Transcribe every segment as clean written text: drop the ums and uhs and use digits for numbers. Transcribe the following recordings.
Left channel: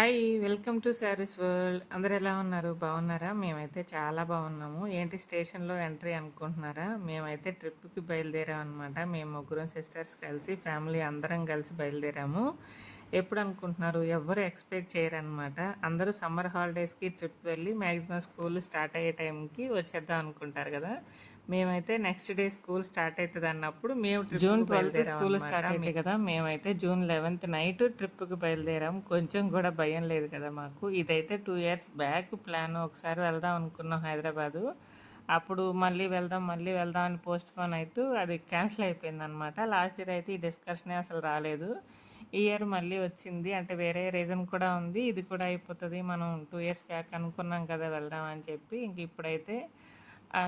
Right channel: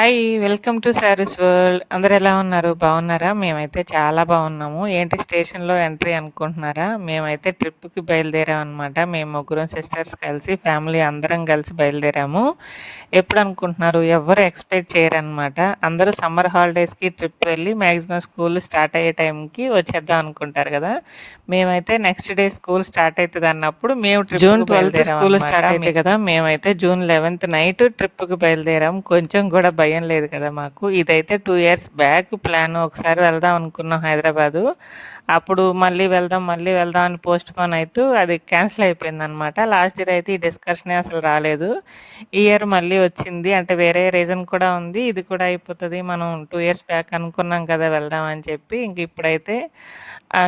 Hi! Welcome to saris world. అందరూ ఎలా ఉన్నారు? బాగున్నారా? మేమైతే చాలా బాగున్నాము. ఏంటి స్టేషన్‌లో ఎంట్రీ అనుకుంటున్నారా? మేమైతే ట్రిప్‌కి బయలుదేరామనమాట. మేము ముగ్గురం సిస్టర్స్ కలిసి ఫ్యామిలీ అందరం కలిసి బయలుదేరాము. ఎప్పుడనుకుంటున్నారు? ఎవ్వరు ఎక్స్‌పెక్ట్ చేయరనమాట. అందరూ సమ్మర్ హాలిడేస్‌కి ట్రిప్ వెళ్ళి మాక్సిమం స్కూల్ స్టార్ట్ అయ్యే టైంకి వచ్చేద్దాం అనుకుంటారు గదా! మేమైతే నెక్స్ట్ డే స్కూల్ స్టార్ట్ అయితదన్నప్పుడు మేము జూన్ ట్రిప్‌కి 12థ్ స్కూల్ బయలుదేరామనమాట. స్టార్ట్ అయితే కదా! మేమైతే జూన్ 11థ్ నైట్ ట్రిప్‌కి బయలుదేరాం. కొంచెం కూడా భయం లేదు కదా మాకు. ఇదైతే 2 ఇయర్స్ బ్యాక్ ప్లాన్. ఒకసారి వెళ్దాం అనుకున్నాం హైదరాబాదు. అప్పుడు మళ్ళీ వెళ్దాం అని పోస్ట్‌పోన్ అయితూ అది క్యాన్సిల్ అయిపోయిందనమాట. లాస్ట్ ఇయర్ అయితే ఈ డిస్కషనే అసలు రాలేదు. ఈ ఇయర్ మళ్ళీ వచ్చింది. అంటే వేరే రీజన్ కూడా ఉంది. ఇది కూడా అయిపోతది. మనం 2 ఇయర్స్ బ్యాక్ అనుకున్నాం కదా! వెళ్దాం అని చెప్పి. ఇంక ఇప్పుడైతే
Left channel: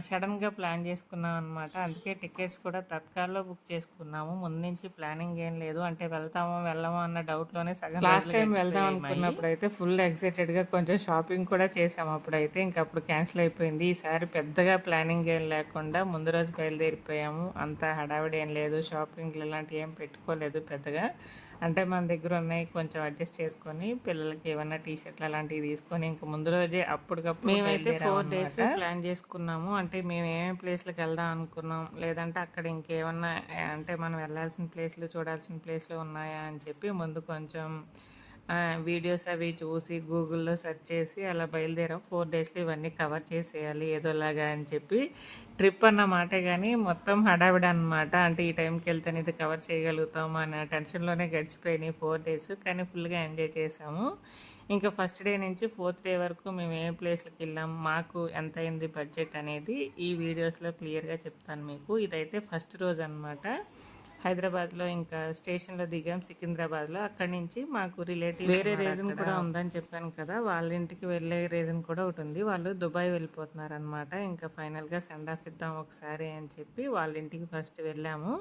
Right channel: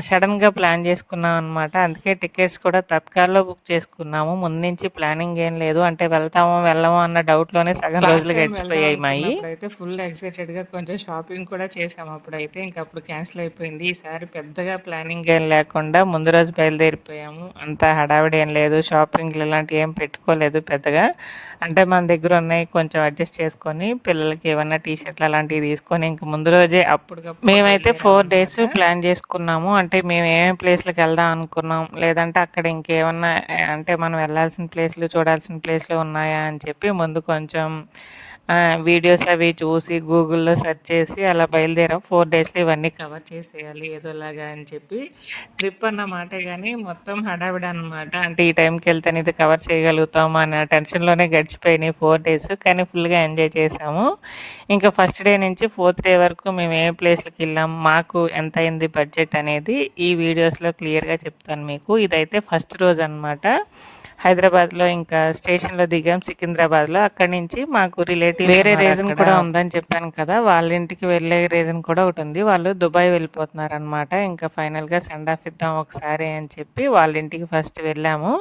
సడెన్‌గా ప్లాన్ చేసుకున్నాం అనమాట. అందుకే టికెట్స్ కూడా తత్కాల్‌లో బుక్ చేసుకున్నాము. ముందు నుంచి ప్లానింగ్ ఏం లేదు. అంటే వెళ్తామో, వెళ్ళమో అన్న డౌట్‌లోనే సగం లాస్ట్ రోజులు టైం వెళ్దాం గడిచిపోయాయి మాయి. అనుకున్నప్పుడైతే ఫుల్ ఎక్సైటెడ్‌గా కొంచెం షాపింగ్ కూడా చేసాము అప్పుడైతే. అప్పుడు క్యాన్సిల్ అయిపోయింది. ఈసారి పెద్దగా ప్లానింగ్ ఏం లేకుండా ముందు రోజు బయలుదేరిపోయాము. అంత హడావిడి ఏం లేదు. షాపింగ్‌లు ఇలాంటివి ఏం పెట్టుకోలేదు పెద్దగా. అంటే మన దగ్గర ఉన్నాయి కొంచెం అడ్జస్ట్ చేసుకొని, పిల్లలకి ఏమన్నా టీ షర్ట్‌లు అలాంటివి తీసుకొని ఇంక ముందు రోజే అప్పటికప్పుడు మేమైతే 4 డేస్ ప్లాన్ చేసుకున్నాము. అంటే మేము ఏమేమి ప్లేస్‌లకి వెళ్దాం అనుకున్నాం, లేదంటే అక్కడ ఇంకేమన్నా అంటే మనం వెళ్ళాల్సిన ప్లేస్‌లు, చూడాల్సిన ప్లేస్‌లు ఉన్నాయా అని చెప్పి ముందు కొంచెం వీడియోస్ అవి చూసి గూగుల్‌లో సెర్చ్ చేసి అలా బయలుదేరాం. 4 డేస్‌లో ఇవన్నీ కవర్ చేసేయాలి ఏదోలాగా అని చెప్పి. ట్రిప్ అన్న మాటే గానీ మొత్తం హడావిడి అనమాట. అంటే ఈ టైంకి వెళ్తేనే ఇది కవర్ చేయగలుగుతాము అన్న టెన్షన్‌లోనే గడిచిపోయినాయి 4 డేస్. కానీ ఫుల్‌గా ఎంజాయ్ చేసాము. ఇంకా ఫస్ట్ డే నుంచి 4థ్ డే వరకు మేము ఏ ప్లేస్‌లకెళ్ళాం, మాకు ఎంతయింది బడ్జెట్ అనేది ఈ వీడియోస్‌లో క్లియర్‌గా చెప్తాను మీకు. ఇదైతే ఫస్ట్ రోజనమాట. హైదరాబాద్‌లో ఇంకా స్టేషన్‌లో దిగాం సికింద్రాబాద్‌లో. అక్కడి నుంచి మాకు రిలేటివ్స్ వేరే రీజన్ కూడా ఉందని చెప్పాను కదా! వాళ్ళ ఇంటికి వెళ్ళే రీజన్ కూడా ఒకటుంది. వాళ్ళు దుబాయ్ వెళ్ళిపోతున్నారనమాట. ఇంకా ఫైనల్‌గా సెండ్ ఆఫ్ ఇద్దాం ఒకసారి అని చెప్పి వాళ్ళ ఇంటికి ఫస్ట్ వెళ్ళాము.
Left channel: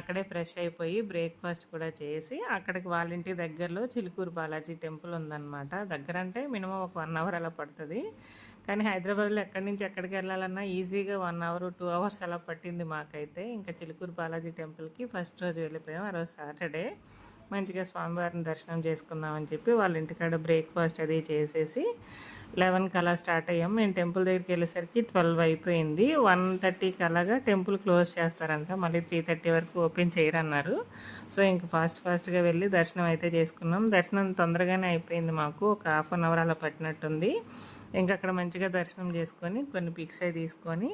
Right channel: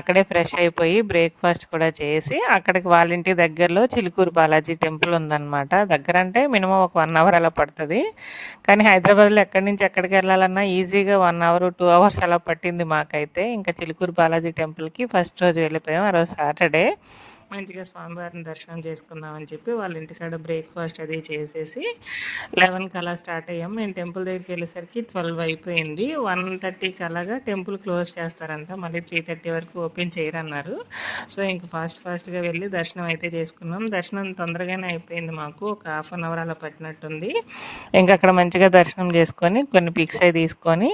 అక్కడే ఫ్రెష్ అయిపోయి బ్రేక్‌ఫాస్ట్ కూడా చేసి అక్కడికి వాళ్ళ ఇంటి దగ్గరలో చిలుకూరు బాలాజీ టెంపుల్ ఉందనమాట. దగ్గరంటే మినిమమ్ ఒక 1 అవర్ అలా పడతది. కానీ హైదరాబాద్‌లో ఎక్కడి నుంచి ఎక్కడికెళ్ళాలన్నా ఈజీగా 1 అవర్, 2 అవర్స్ అలా పట్టింది మాకైతే. ఇంకా చిలుకూరు బాలాజీ టెంపుల్‌కి ఫస్ట్ రోజు వెళ్ళిపోయాం. ఆ రోజు సాటర్డే. మంచిగా స్వామివారిని దర్శనం చేసుకుందామని చెప్పి వాళ్ళ ఇంటికాడ బ్రేక్‌ఫాస్ట్ అది చేసేసి 11కి అలా స్టార్ట్ అయ్యాం. మేము టెంపుల్ దగ్గరికి వెళ్ళేసరికి 12 అయిపోయింది. 1:30కి అలాగా టెంపుల్ క్లోజ్ చేస్తారంట. మళ్ళీ 3:30 వరకు ఓపెన్ చేయరన్నారు. సో ఇంక ఫాస్ట్‌గా వెళ్ళి దర్శనం అయితే చేసుకున్నాం. దర్శనం తొందరగానే అయిపోయింది మాకు. ఒక హాఫ్ అన్ అవర్ అలా పట్టినట్టుంది. ఇంక అక్కడ మంచిగా దర్శనం చేసుకొని కొన్ని పిక్స్ అయి తీసుకొని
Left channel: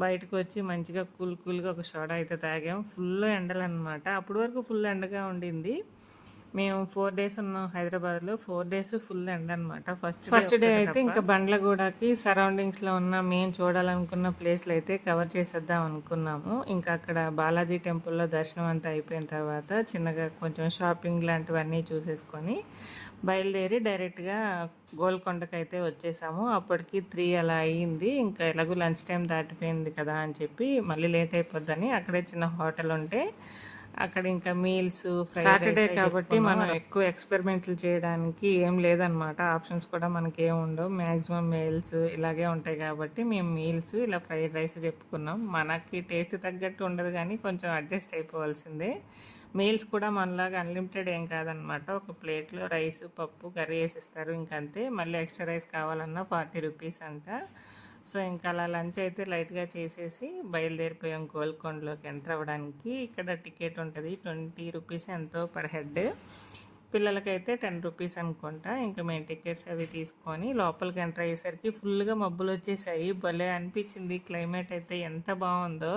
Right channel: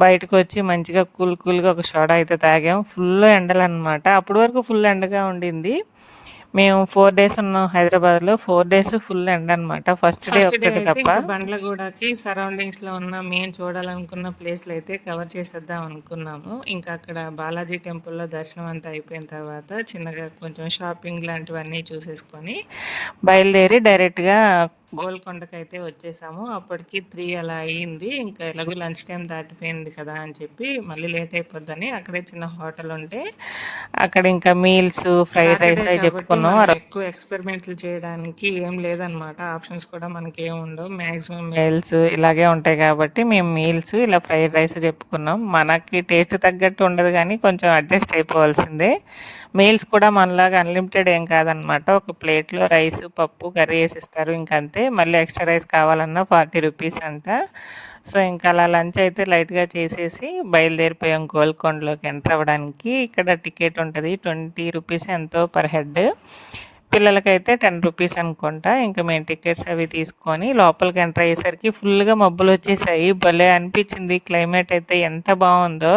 బయటకొచ్చి మంచిగా కూల్‌గా ఒక సోడా అయితే తాగాం. ఫుల్ ఎండలనమాట. అప్పటి వరకు ఫుల్ ఎండగా ఉండింది. మేము 4 డేస్ ఉన్నాం హైదరాబాద్‌లో. 4 డేస్ ఫుల్ ఎండనమాట. ఫస్ట్ డే ఒక్కటి అయితే తప్ప. ఇంకా బండ్లగూడకి సరౌండింగ్స్‌లో ఉన్న మేము చూడాలనుకున్న ప్లేస్‌లయితే కవర్ చేసేద్దాం అనుకున్నాము. ఇంకా అక్కడ బాలాజీ టెంపుల్‌లో దర్శనం అంతా అయిపోయిన తర్వాత చిన్నగా కొంచెం షాపింగ్ లాంటివన్నీ చూసేసుకొని బయలుదేరి డైరెక్ట్‌గా గోల్కొండకైతే వచ్చేసాము. అప్పటికి 3 అలా అయింది. ఇంకా ఎలాగో లంచ్ టైం దాటిపోయింది కదా అని చెప్పి మళ్ళీ లేట్ అయిపోద్దని అక్కడే చిన్న హోటల్ ఉంటే అక్కడ ఇంకా మీల్స్, ఫ్రైడ్ రైస్ అయి చెప్పుకున్నాం. ఎక్కువ ఎక్స్పెరిమెంట్లు చేయడానికి ఏం లేదనమాట. ఆప్షన్స్ కూడా మనకేం ఉండవు. మ్యాక్సిమం మీల్స్ ఇలాగే ఉంటాయి కాబట్టి మేము మీల్స్ ఇలా ఫ్రైడ్ రైస్ చెప్పుకున్నాం. మనకి టేస్ట్ తగ్గట్టు ఉండదు కానీ కొంచెం అడ్జస్ట్ అయిపోవాల్సిందే. మీల్స్ కూడా మనలాగా అన్లిమిటెడ్ ఏం కాదనమాట. ఒక ప్లేట్‌లో రైస్, పప్పు, కర్రీ ఏసిస్తారు ఇంకంతే. మళ్ళీ ఎక్స్‌ట్రా రైస్ కావాలన్నా 40 రూపీస్ అంట. సో, ఇంకా అలా లంచ్ అయితే లైట్‌గా చేసేసి బయలుదేరిపోయాం గోల్కొండలోకి ఎంటర్ అవ్వడానికి. ఇక్కడ టికెట్ ఉంటది. 20 రూపీస్ ఎంతో పర్ హెడ్. పిల్లలకైతే 10 రూపీస్ అనుకుంటా. ఇంకా మేము టికెట్స్ అవి తీసుకొని లోపలికి ఎంటర్ అయ్యేసరికి ఫుల్‌గా మబ్బులొచ్చేసాయి. భలే అనిపించింది. క్లైమేట్ అయితే ఎంత బావుందో.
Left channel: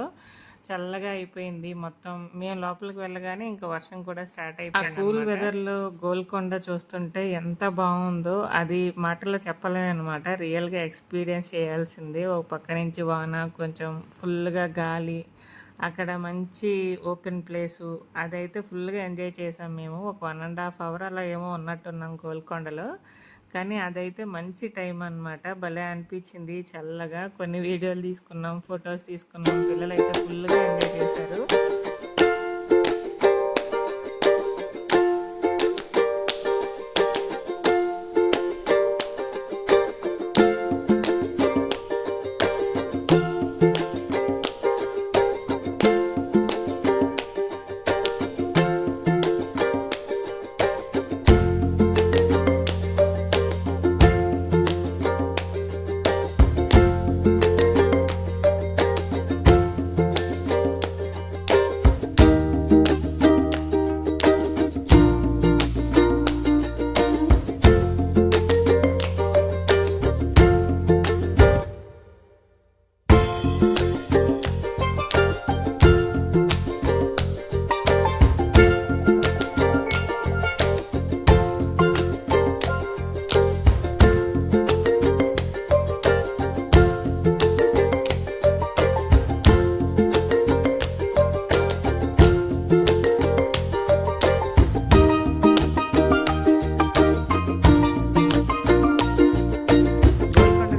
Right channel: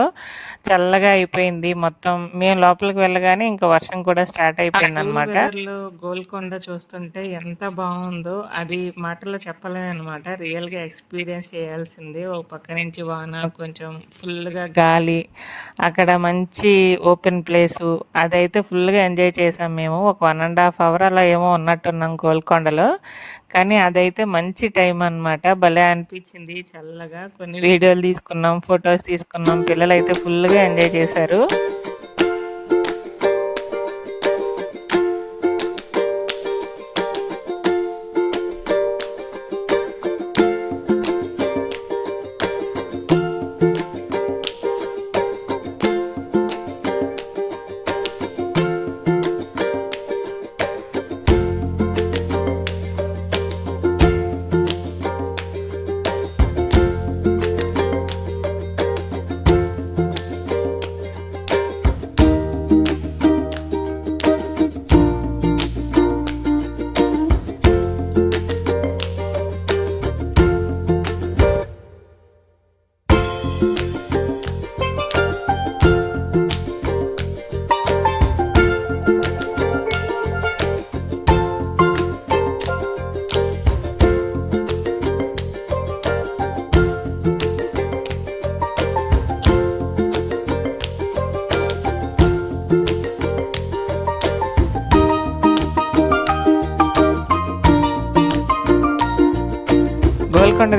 చల్లగా అయిపోయింది మొత్తం. మేము లోపలికి వెళ్ళగానే ఇంకా వర్షం కూడా స్టార్ట్ అయిపోయిందనమాట. వెదర్‌లో గోల్కొండ చూస్తుంటే ఎంత బావుందో అది మాటల్లో చెప్పలేమనమాట. రియల్‌గా ఎక్స్‌పీరియన్స్ చేయాల్సిందే. ఒక పక్క నుంచి వాన, కొంచెం ఫుల్‌గా గాలి, అక్కడ మంచి ఓపెన్ ప్లేసు. అదైతే ఫుల్‌గా ఎంజాయ్ చేసాం మేము. ఒక 1 ½ అవర్ అలా ఏమో ఉన్నట్టున్నాం గోల్కొండలో. కానీ అదైతే మంచి టైం అనమాట. భలే అనిపించింది చల్లగా. కొన్ని వీడియోలు తీసుకున్నాం, ఫోటోస్ తీసుకున్నాం. పిల్లలైతే ఫుల్‌గా ఎంజాయ్ చేశారు.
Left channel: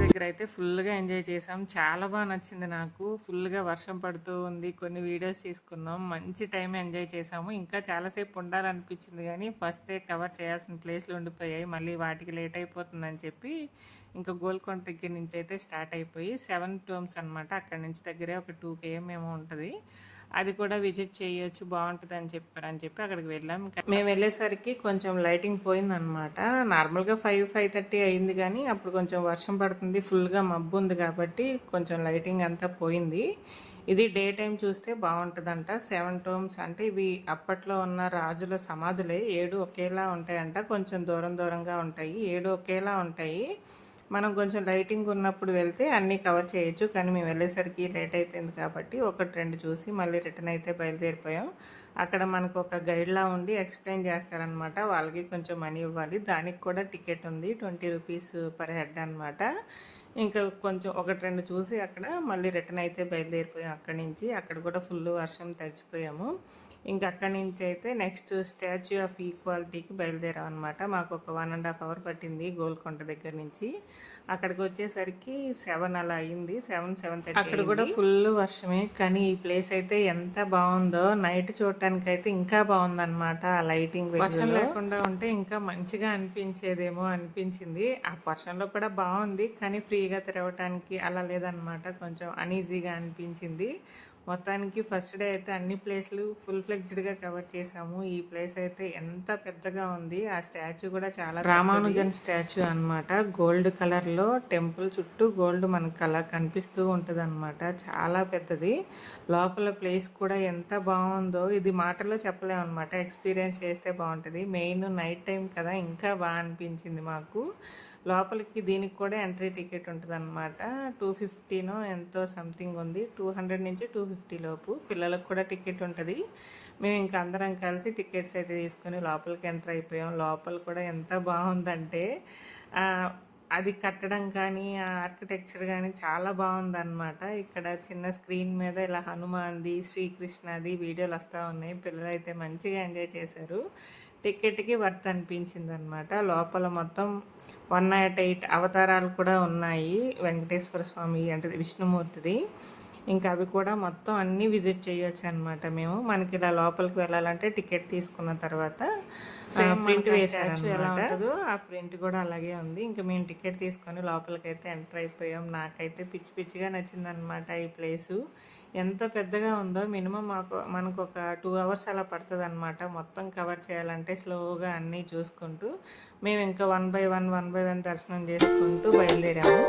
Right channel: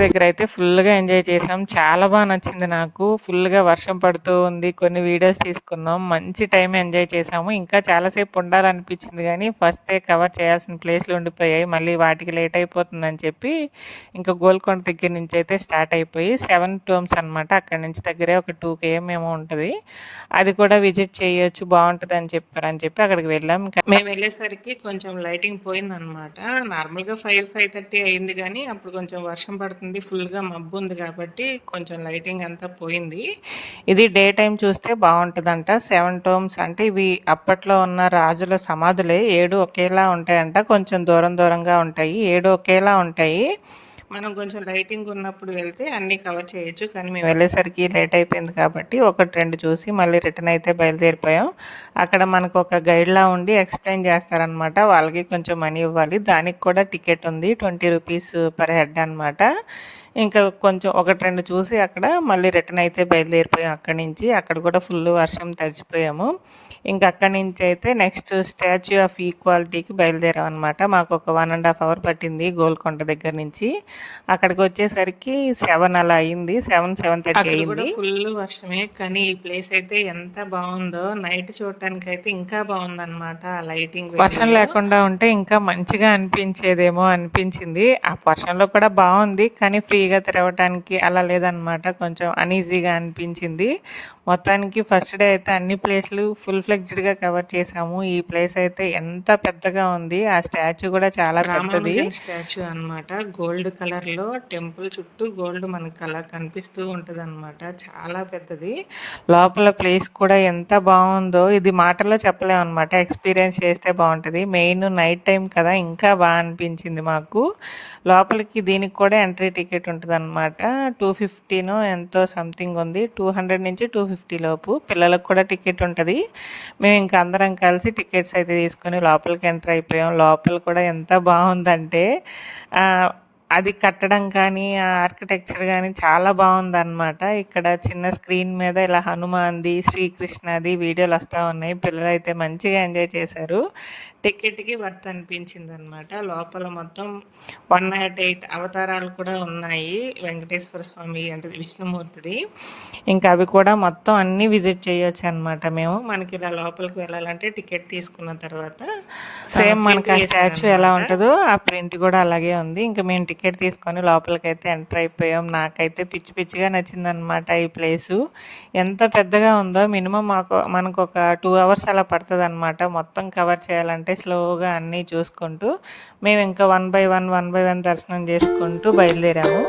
దగ్గర అయితే ఫుల్‌గా ఎంజాయ్ చేసాం. చాలా నచ్చింది నాకు. ఫుల్‌గా వర్షం పడుతూ ఉంది. కొన్ని వీడియోస్ తీసుకున్నాం. మంచి టైమ్ ఎంజాయ్ చేసాము. ఇంకా చాలా సేపు ఉండాలనిపించింది గానీ, ఫస్టే కవర్ చేయాల్సిన ప్లేస్‌లు ఉండిపోయాయి. మళ్ళీ వాటికి లేట్ అయిపోతుందని చెప్పి, ఇంకా గోల్కొండ దగ్గర నుంచి అయితే స్టార్ట్ అయిపోయి 7 టూమ్స్ అనమాట. అక్కడి నుంచి దగ్గరే ఒక 2 కేఎం ఏమో ఉంటది. అది కూడా విజిట్ చేయొచ్చు బావుంటదని చెప్పారని చెప్పి అక్కడికి వెళ్ళాం. మేము వెళ్ళేసరికి కొంచెం లైటింగ్ పోయిందనమాట. నార్మల్‌గా 5, 5:30 అయింది గానీ, అప్పుడు కొంచెం వర్షం పడుతుంది. ఫుల్‌గా మబ్బు ఉంది కాబట్టి కొంచెం లైటింగ్ అంతా పోయింది. ఇది డే టైమ్ చూస్తే బావుంటదంట. 7 టోమ్స్ అంటే ఇవి అప్పట్లో ఉన్న రాజుల సమాధులే. 7 ఒకేలా ఉంటాయంట. కొంచెం దూరం దూరంగా ఉంటాయి. 7 ఒకేలా ఉంటాయి. మనం కొంచెం లైటింగ్ ఉన్నప్పుడు వెళ్తే అన్నీ కవర్ చేయొచ్చు. కానీ మేము వెళ్ళేసరికి లేట్ అయిపోయింది కాబట్టి 1, 2 చూసి మళ్ళీ రిటర్న్ అయితే బయలుదేరిపోయాం. అక్కడ మనకు ఒక గైడ్‌లా ఉండి ఎక్స్‌ప్లెయిన్ చేస్తారనమాట. వాళ్ళకి కొంచెం మనీ ఇవ్వాలి. దానికి కూడా టికెట్ ఉంది. 20 రూపీస్ పర్ హెడ్ అనమాట. ఇంకా కొంచెం 1, 2 చూసి అక్కడ మళ్ళీ రిటర్న్ అయితే బయలుదేరిపోయాం అక్కడి నుంచి. అక్కడ కూడా ఫుల్ వర్షం తడిచిపోయాము. ఇంక అక్కడి నుంచి అయితే నెక్స్ట్ స్టాచ్యూ ఆఫ్ ఈక్వాలిటీకి బయలుదేరాం అనమాట. మాకు ఒక 1½ అవర్ పట్టింది గోల్కొండ దగ్గర నుంచి. అక్కడికి వచ్చేసరికి 7 అలా అయింది. 7, 7:30 అక్కడ కూడా అయింది. ఫుల్ వర్షమే. కానీ ఈ ప్లేస్ అయితే ఎంత బావుందో. నైట్ చూడటానికైతే ఇంకా బావుందనమాట. ఆ లైటింగ్ వర్షం వెలుగులో. లేకుండా ఉంటే ఇంకా మంచిగా అనిపించేదేమో అనిపించింది. ఆ వర్షంలో కూడా బావుంది. కానీ ఫ్రీగా తిరగటానికి అలా లేదనమాట. కొంచెం అనీజీగా అనిపించింది. మొత్తానికి ఫస్ట్ డే అయితే అన్ని ప్లేస్‌లు ఫుల్ ఫ్లెడ్జ్డ్‌గా కవర్ చేసాము. ఈ ప్లేస్ అయితే ఎంత పెద్దగా ఉంది. ఆ స్టాచ్యూ కూడా చాలా పెద్దది. రామానుజన్ స్టాచ్యూ అనమాట. గోల్డ్ కలర్‌లో టెంపుల్ చుట్టూ గోల్డ్ మనకు అలా కనిపిస్తూ ఉంటదనమాట. చాలా పెద్దది. లోపల ప్లేస్ కూడా ఎంత బావుందో ఇది మాటల్లో చెప్పలేమనమాట. ఎక్స్‌పీరియన్స్ చేస్తే బావుంటది. మెయిన్ నైట్ టైమ్ కదా! ఇంకా అనిపించింది మాకు. లోపలికి దీనికి కూడా ఎంట్రీ టికెట్ ఉంటదనమాట. 250నో ఎంతో సంథింగ్ ఉంది. 200 నుంచి 250 లోపు. పిల్లలకు కూడా టికెట్ ఉంటది. మేము ఇంక అందరం కలిసి టికెట్స్ అయితే తీసుకొని లోపలికి ఎంటర్ అయిపోయాం. లోపల కూడా ఎంత బావుందంటే అది కట్టడం కానీ, ఆ ఆర్కిటెక్చర్ గానీ చాలా బావుందనమాట. ఇక్కడ చిన్న స్క్రీన్ మీద ఇలా హనుమాన్‌ది, శ్రీకృష్ణది వీడియోలొస్తా ఉన్నాయి. పిల్లలైతే మంచిగా ఎంజాయ్ చేశారు. టికెట్‌కి వర్త్ అనిపించిందనమాట. లోపల మొత్తం 108 అవతారాలు కూడా ఉన్నాయి. వెంకటేశ్వర స్వామి అంటే విష్ణుమూర్తిది. ఇంకా అవి కూడా మొత్తం అన్నీ విజిట్ చేయొచ్చనమాట మేము. మనకి ఇలా లోపలికి వెళ్ళాలంటే టికెట్ తీసుకున్న తర్వాత సేమ్ మనకి ఆ స్టాచ్యూ ఎలా ఉంటదో ఆ ప్రింట్ కూడా అలాగే ఉంది. ఇంకా మేము టికెట్ తీసుకొని లోపలికైతే ఎంటర్ అయిపోయాం. నాకైతే పిచ్చి పిచ్చిగా నచ్చిందనమాట ఈ ప్లేసు. ఎంత పెద్దగా ఉందో మినిమం మనకు ఒక 2 అవర్స్ అలా పడతదనమాట. మొత్తం కవర్ చేయాలంటే స్లోగా అన్నీ చూసుకుంటూ. మేము ఇంకా 1 బై 1 దర్శనం చేసుకుంటూ బయలుదేరాము.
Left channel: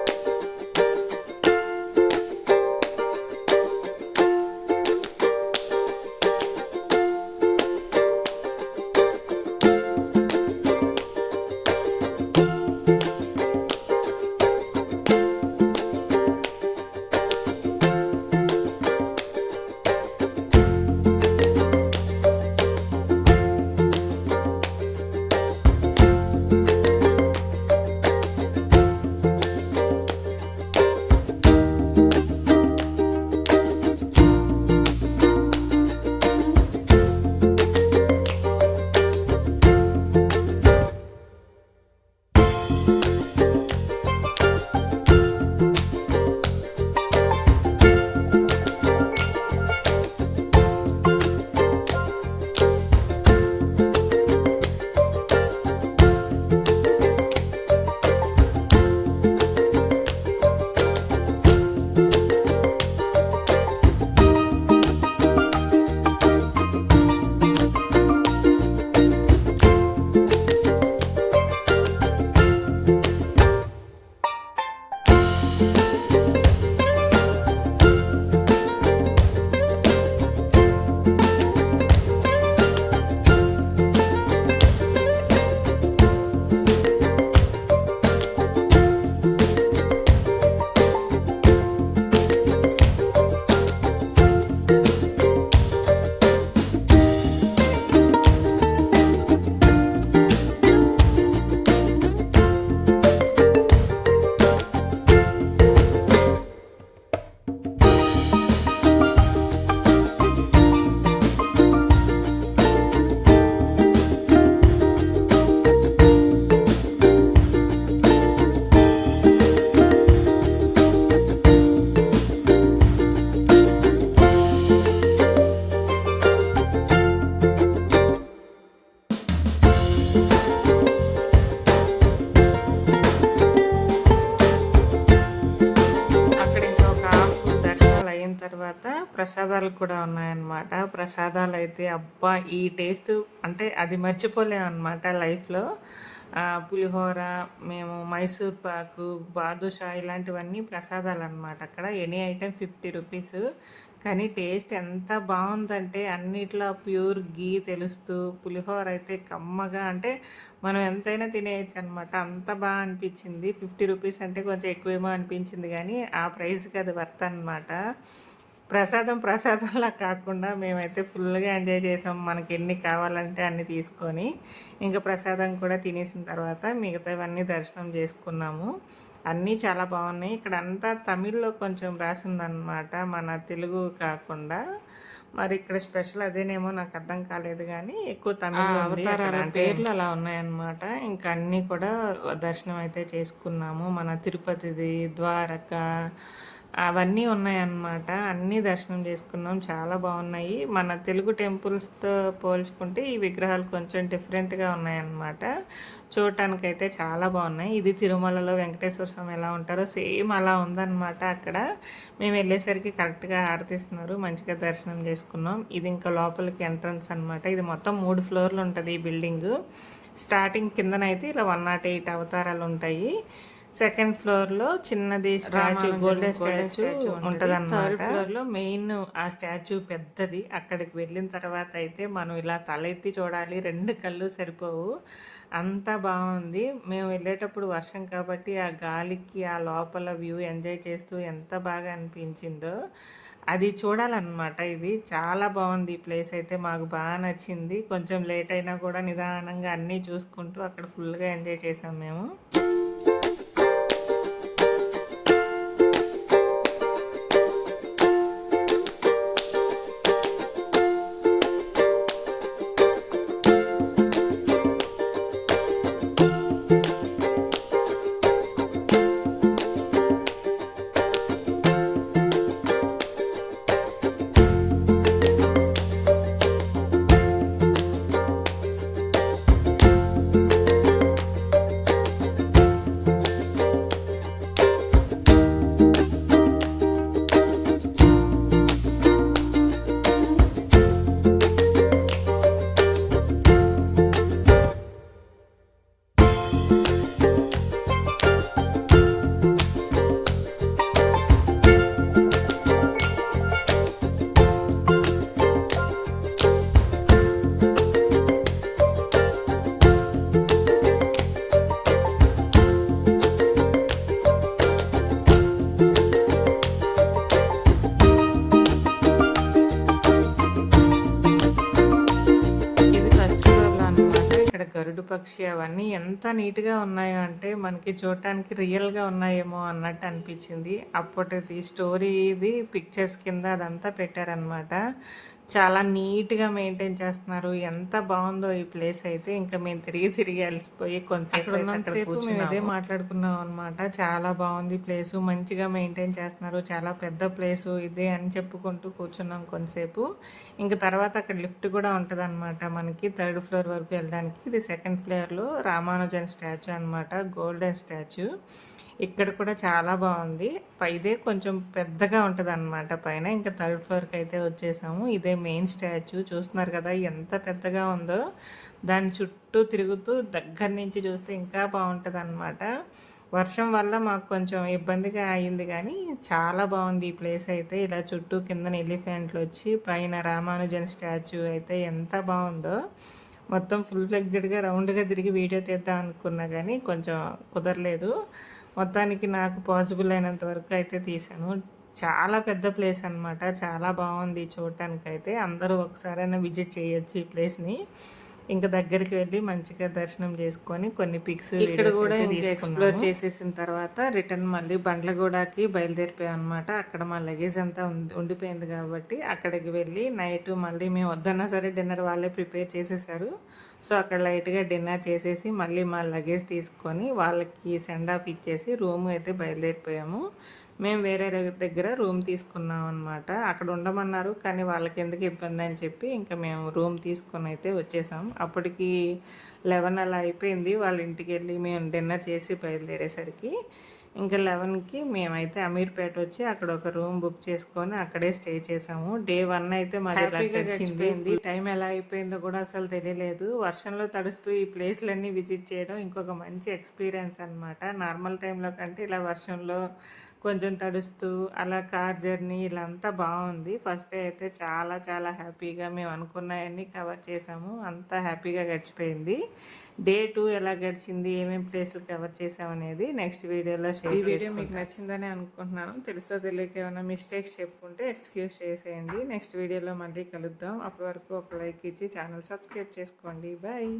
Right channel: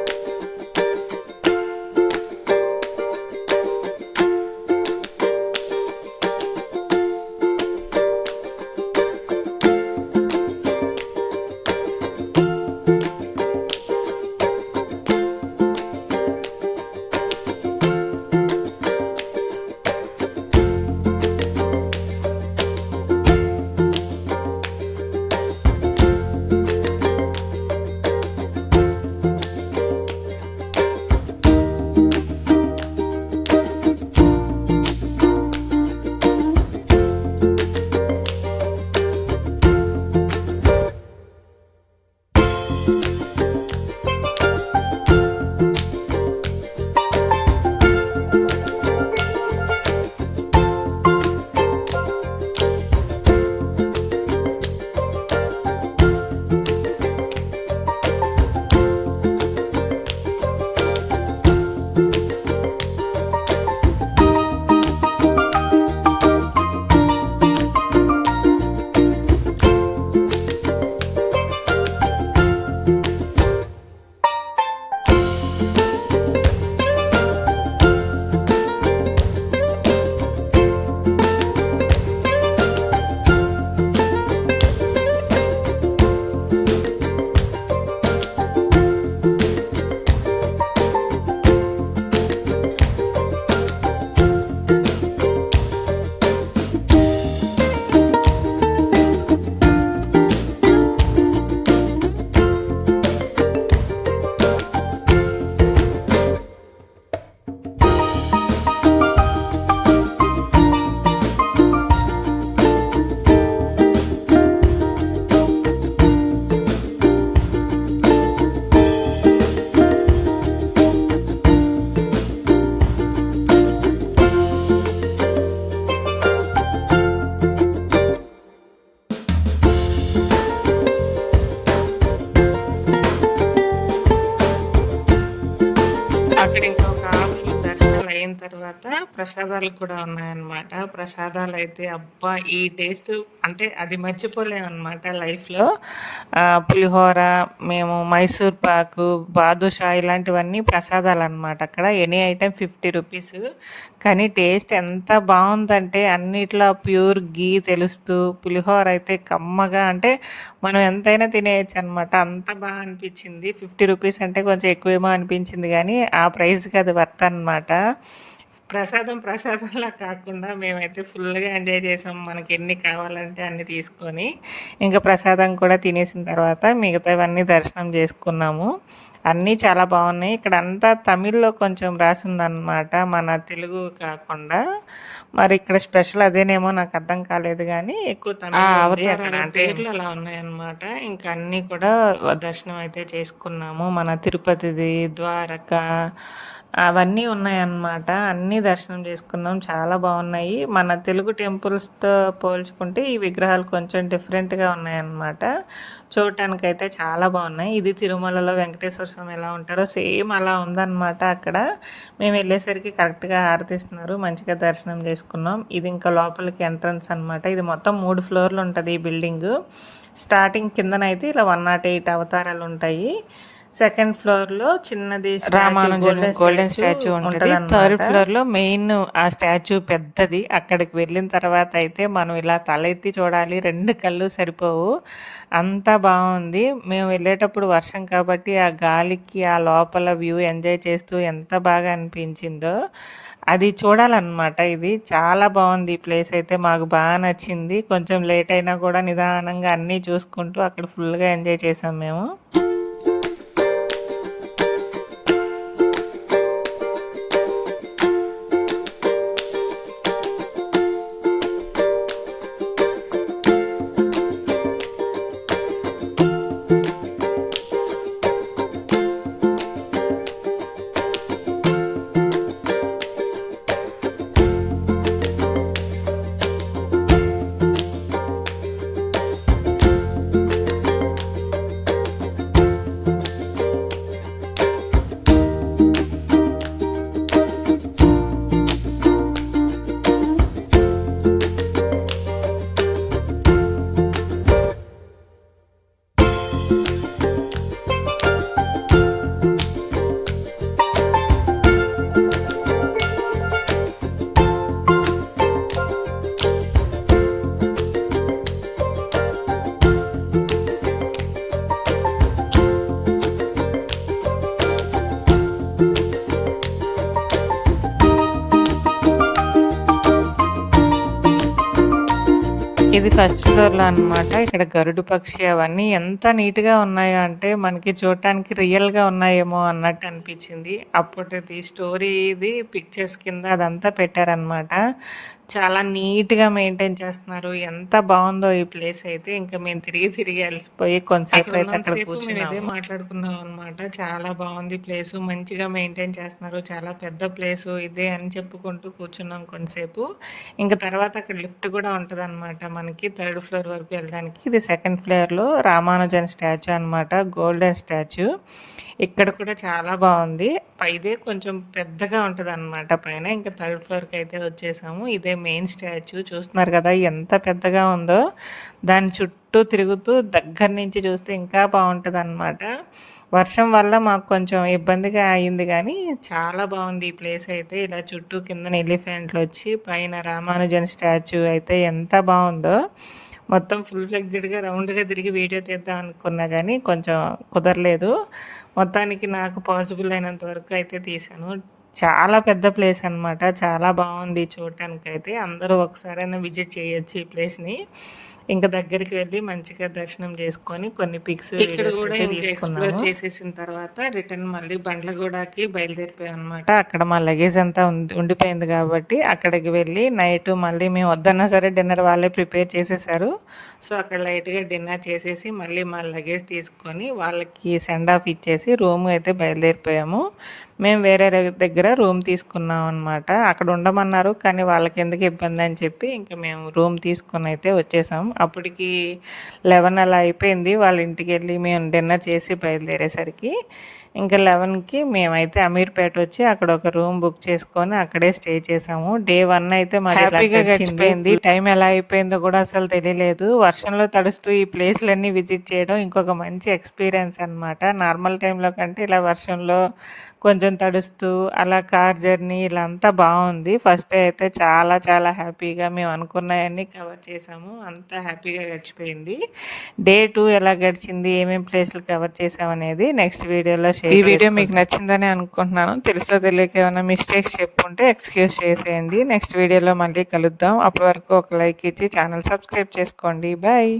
తర్వాత ప్రసాదాలు కూడా ఉన్నాయన్నమాట. ప్రసాదాలైతే అబ్బా! ఈ టేస్ట్ అంటే అది మర్చిపోలేమనమాట లైఫ్‌లో. పులిహోర, మేము మైసూర్ పాకు, బాదుషా ఇలాంటివన్నీ ప్రసాదాలనమాట అక్కడ. Any item 50 rupees. కానీ టేస్ట్ ఎంత బావుందంటే అన్నిట్లో ప్యూర్ ఘీ తెలుస్తూ, పులిహోర అయితే కమ్మగా అంటే మనం ఎంతైనా తినేయొచ్చనమాట. అంత అనిపిచ్చింది. 50 రూపీస్ అంటే కొంచెం ఎక్కువేమో అనిపించింది గానీ, ఆ ప్రైస్‌కి అది వర్త్ అనమాట. ప్రసాదంలా కాకుండా మేమైతే ఫుల్‌గా ఎంజాయ్ చేసాం. మనకెన్ని కావాలంటే అన్ని తీసుకొని, ఇంకా ప్రసాదం కూడా తినేసిన తర్వాత మిగతావన్నీ దర్శనం చేసుకున్నాము. అన్నీ చాలా బాగున్నాయి. ఇక్కడంతా తమిళ్‌లో కొంచెం రాసుందనమాట. మన తెలుగు కాకుండా. మరి ఇక్కడ స్పెషల్ అదేనేమో నాకు అర్థం కాలేదు గానీ, ఎక్కువ తమిళ్ ఉంది. అవతారాల పేర్లు అలా ఉన్నాయన్నమాట. ఇంకా అన్నీ కూడా దర్శనం అయితే చేసుకున్నాము. మన తిరుపతిది, ద్వారక అవన్నీ ఉన్నాయన్నమాట. అన్నీ దర్శనం చేసుకున్నాం. చాలా బాగున్నాయి. మన తెలుగు టెంపుల్స్‌తో పోల్చుకుంటే ఈ విగ్రహాలు కొంచెం డిఫరెంట్‌గా ఉన్నాయన్నమాట. చూడటానికైతే చాలా బాగున్నాయి. ఇది తిరుమలలో వెంకటేశ్వర స్వామి ఎలా ఉంటారో సేమ్ అలా ఉందన్నమాట అక్కడ. మేము వెళ్ళేసరికి కరెక్ట్‌గా హారతిస్తున్నారు. మంచిగా దర్శనం చేసుకున్నాం. ఇది ఇంకా లోపలికి ఎంట్రన్స్ అనమాట. ఇది మొత్తం 3 ఫ్లోర్లు ఉంటుంది ఈ బిల్డింగు. స్టార్టింగ్ కిందనైతే ఇలా 108 అవతారాలు ఉంటాయి. సెకండ్ ఫ్లోర్‌లో చిన్నది రామానుజన్ గోల్డెన్ స్టాచ్యూ ఉంటుంది. థర్డ్ ఉంటదనమాట. ఫ్లోర్‌లో మెయిన్ ఆ స్టాచ్యూ పెద్దది. అక్కడికి వెళ్ళిన తర్వాత అయితే మనం ఇలా తల ఎత్తి చూడాలి. 2 కళ్ళు సరిపోవు. అంతా బాగుంది. మేము వెళ్ళేటప్పుడు వర్షం కాబట్టి ఆ గాలికి ఆ లోపల వ్యూ ఎంజాయ్ చేస్తూ ఎంత బాగా అనిపించిందో. అది చూడాలన్నమాట. ఇది చాలా బాగుంది. ఈ ప్లేస్ అయితే మాకు బాగా నచ్చింది. కొంచెం లేట్ అయినా కూడా నిదానంగా అన్నీ చూసుకుంటూ అక్కడ ఫుల్‌గా ఎంజాయ్ చేసాం మేము. ఇది ఫస్ట్ ఫ్లోర్‌లో అనమాట. ఇక్కడ గరుడు పక్షి అవన్నీ ఎంత నీట్‌గా ఉన్నాయో అంటే మనకి చూడటానికి రియల్‌గా ఉన్నాయేమో అన్నట్టు అనిపించింది. అప్పటిది స్టోరీది పిక్చర్స్ కింద అదంతా పెట్టారనమాట. చాలా నీట్‌గా మెయింటైన్ చేస్తున్నారు. ఎంత బావుందో ఈ ప్లేస్ అయితే. ఇంకా మేము తిరిగి అలసిపోయి కొంతసేపు అయితే అక్కడ మేము ఇదే కూర్చున్నాము. మాట్లాడుకున్నాం అనమాట. చాలా బాగుంది ప్లేసు. మంచిగా మెయింటైన్ చేస్తున్నారు. చాలా పెద్ద ప్లేసు ఇదే అని చెప్పుకుంటూ కూర్చున్నాం కొంతసేపు. ఇంకా తర్వాత అక్కడ లిఫ్ట్ కూడా ఉంటదనమాట మనకి థర్డ్ ఫ్లోర్ వరకు వెళ్ళడానికి. ఇది సెకండ్ ఫ్లోర్‌లో రామానుజన్ స్టాచ్యూ అనమాట. Golden statue. ఇక్కడ కూడా చాలా బాగుంది. ఇదే కొంచెం పెద్దగా ఉంటదనమాట పైన. ఇంకా థర్డ్ ఫ్లోర్‌కి అయితే వచ్చేసాము. ఇదే మెయిన్ స్టాచ్యూ. చూస్తున్నారు కదా ఎంత పెద్దగా ఉందో. దాని చుట్టూ తిరుగుతూ దగ్గర నుంచి చూస్తే ఇంకా బాగుంటదనమాట. వర్షం వల్ల మాకు కొంచెం ఇబ్బందిగా అయింది కానీ చాలా బాగుంది ఈ ప్లేస్ అయితే. ఇలా చుట్టూ కిందన ఎలిఫెంట్లు వచ్చి పైన రామానుజన్ స్టాచ్యూ అయితే ఎంత బాగుందో. మొత్తం ఫుల్ ఫ్లెడ్జ్డ్‌గా రౌండ్‌గా తిరిగి వీడియో తీద్దాం అనుకున్నా కానీ కొంచెం కుదరలేదు. మొత్తానికి నాకు పాసిబుల్ అయినంత వరకు అయితే తీశాను. చాలా పెద్ద ప్లేస్ అనమాట. చాలా బాగుంది చూడటానికైతే. అందరూ ఒకసారైనా విజిట్ చేయొచ్చు ఈ ప్లేస్‌ని. ఇంకా దగ్గరికి వెళ్ళి మంచిగా దర్శనం చేసుకొని కొన్ని పిక్స్ ఇక్కడ కూడా ఇంకా ఎక్స్ప్లోర్ చేసేసిన తర్వాత రిటర్న్ మళ్ళీ బండ్లగూడకి బయలుదేరిపోయాం అనమాట. అక్కడ మా లగేజ్ అంతా ఉండిపోయింది కాబట్టి అక్కడికి వెళ్ళి నైట్ మళ్ళీ మేము వద్దన్నా సరే డిన్నర్ వాళ్ళే ప్రిపేర్ చేసేసారు. సో అక్కడ లైట్గా డిన్నర్ చేసేసి మళ్ళీ మా లగేజ్ తీసుకొని వాళ్ళకి సెండ్ ఆఫ్ ఇచ్చేసి రూమ్ అయితే బయలుదేరిపోయాము. మేము వేరే దగ్గర రూమ్ తీసుకున్నాం అనమాట. అక్కడ ఉండమన్నారు కానీ వాళ్ళకి ఎందుకు ఇబ్బంది అని చెప్పి ఇంకా మేము రూమ్ తీసుకొని అయితే వచ్చేసాం. అప్పటికి 11 అలా అయిపోయింది. వాళ్ళ ఇంటికి వెళ్ళి మేము డిన్నర్ చేసి బయలుదేరేసరికి ఇంకా 11కి మేమైతే అమీర్పేట వచ్చి అక్కడ ఒక రూమ్ బుక్ చేసుకొని అక్కడే స్టే చేసాము. డే 1 అయితే మాది హ్యాపీగా గడిచిపోయింది. టైం ఎలా అయిపోయిందో కూడా అసలు తెలియలేదు. వర్షంలో తడుస్తూ ఈ ప్లేస్లన్నీ విజిట్ చేయడం ఇంకొక మంచి ఎక్స్పీరియన్స్ అనమాట. నార్మల్ టైంలో కంటే ఇలా వర్షంలో కొంచెం తడుస్తూ అలా కార్ జర్నీ ఇలా అంతా బాగుంది. ఫస్ట్ డే అయితే చాలా చాలా హ్యాపీగా మేము అనుకున్నవన్నీ కవర్ చేసాము. అంతా హ్యాపీగా గడిచిపోయింది. డే 2 ఎలా గడిచింది, ఏమేమి ప్లేస్లు కవర్ చేసామనేది నెక్స్ట్ వీడియోలో షేర్. ఈ వీడియో మీకు నచ్చిందని అనుకుంటున్నాను. తెలుసో తెలియక ఏమైనా మిస్టేక్స్ చెప్పుంటే ఎక్స్క్యూజ్ చేసేయండి. నెక్స్ట్ వీడియోలో మళ్ళీ కలుద్దాం. అప్పటి వరకు ఒక లైక్ ఇచ్చి ఛానల్ సబ్స్క్రైబ్ చేసుకోండి. బాయ్.